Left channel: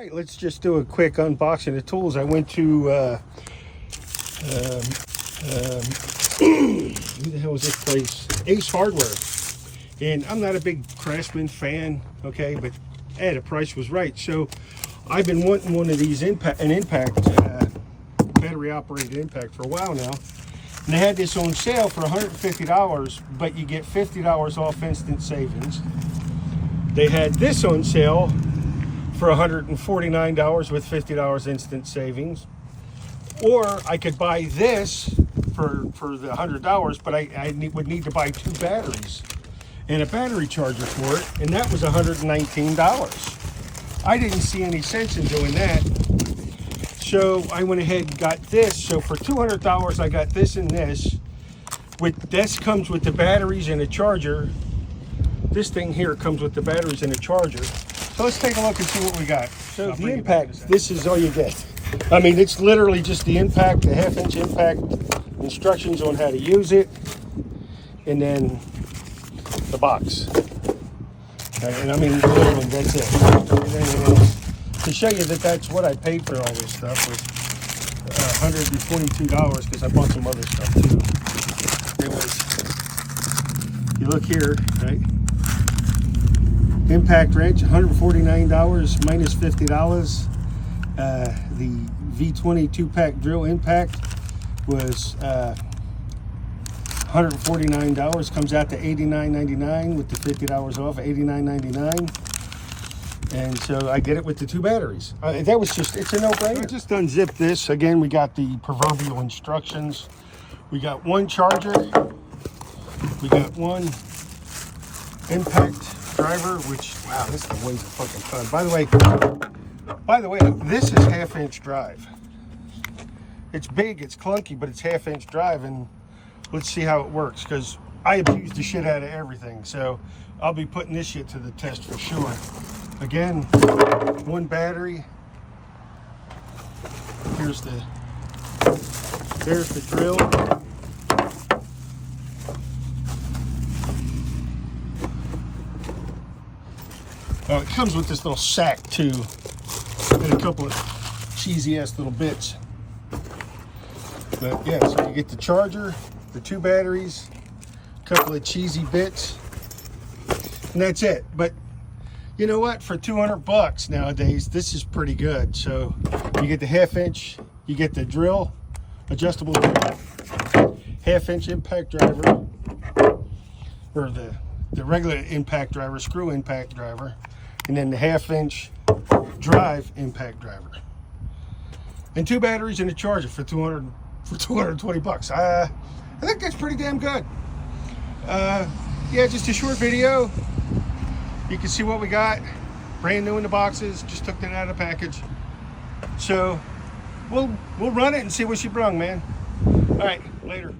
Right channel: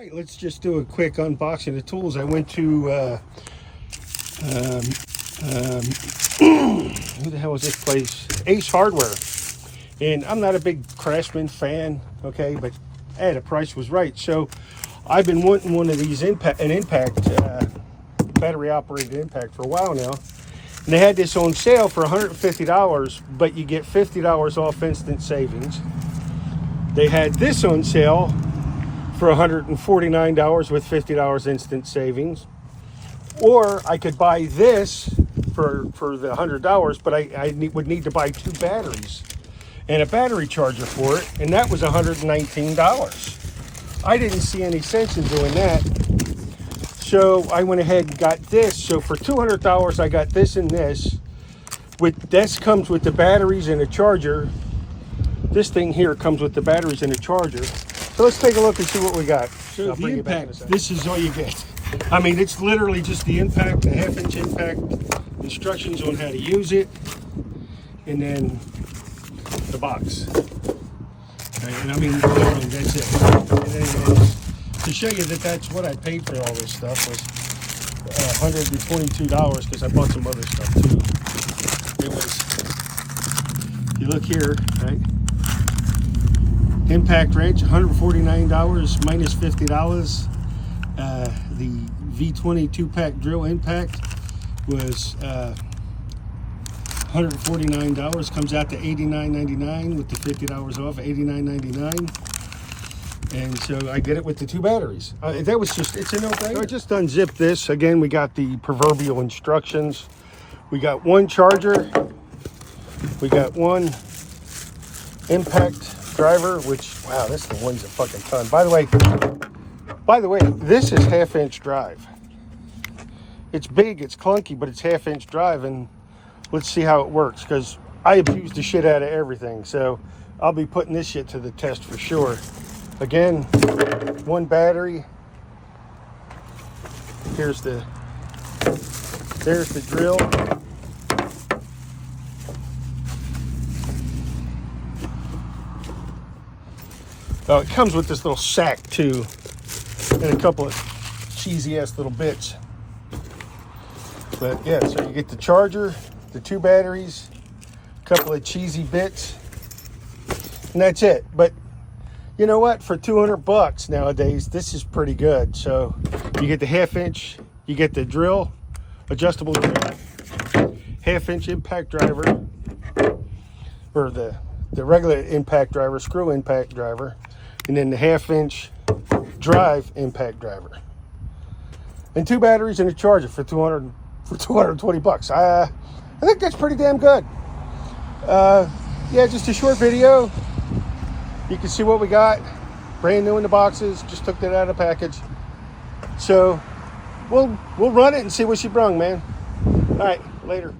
right, let's just do a quick unboxing of tools. I went to who the hell is this place? Ace Hardware. And I'm not a big Craftsman fan, okay, but hey, the price was right. So I've been wanting one of these battery operated impact for a while now. And they had this on sale for $150, but you get $50 off instant savings. They had this on sale for $149 with $50 instant savings. Or I could buy this for the $100, but I would need to buy 2 batteries and a battery charger for it, and that was $119. I didn't see any sense in doing that. So I went ahead and got this. So for $200, I got this and this. This comes with the batteries and a charger. This thing here comes with the batteries and a charger. So let's take a look and see what we got. So the impact, this is all you get. I mean, it's literally just the impact, the 1/2-inch impact, instructions on how to use it, and then the box. And I mean, that's it. And to show you that that's what I paid for all this stuff was $122, because I bought some other stuff too. It was, you look here, right? Impact wrench, $149 minus $50. The V20 2-pack drill impact was $149, comes out to $89.99 with the $50 off, $89.99. And so I did it with the 2 batteries. That was just, it's a no-brainer. So I just unzipped this. Again, we got the proverbial instructions. We got 1 charger. We got 1 impact driver, which, wow, this thing weighs a fucking ton. By the way, this is 1/2-inch drive. It's big, it's clunky, but it's 1/2-inch drive, and let's see how it works, because I abuse the shit out of everything. So I'll be putting this shit to the test for sure. Again, 1 battery. There's the drill. Oh, it comes with this little sack too, and a couple of cheesy ass little bits. But yeah, so you get the charger, the 2 batteries, a couple of cheesy bits, and that's it. But you know what? For $200 nowadays, this is pretty good. So you get the 1/2-inch, you get the drill, adjustable drill, 1/2-inch impact driver, or the regular impact driver, screw impact driver, and then the 1/2-inch drive impact driver, and 2 batteries and a charger for $220. I think that's pretty damn good. Yeah, just a short video. You can see what we got, brand new in the boxes. Just took that out of the package. So we'll run it and see what she brung, man. All right, later.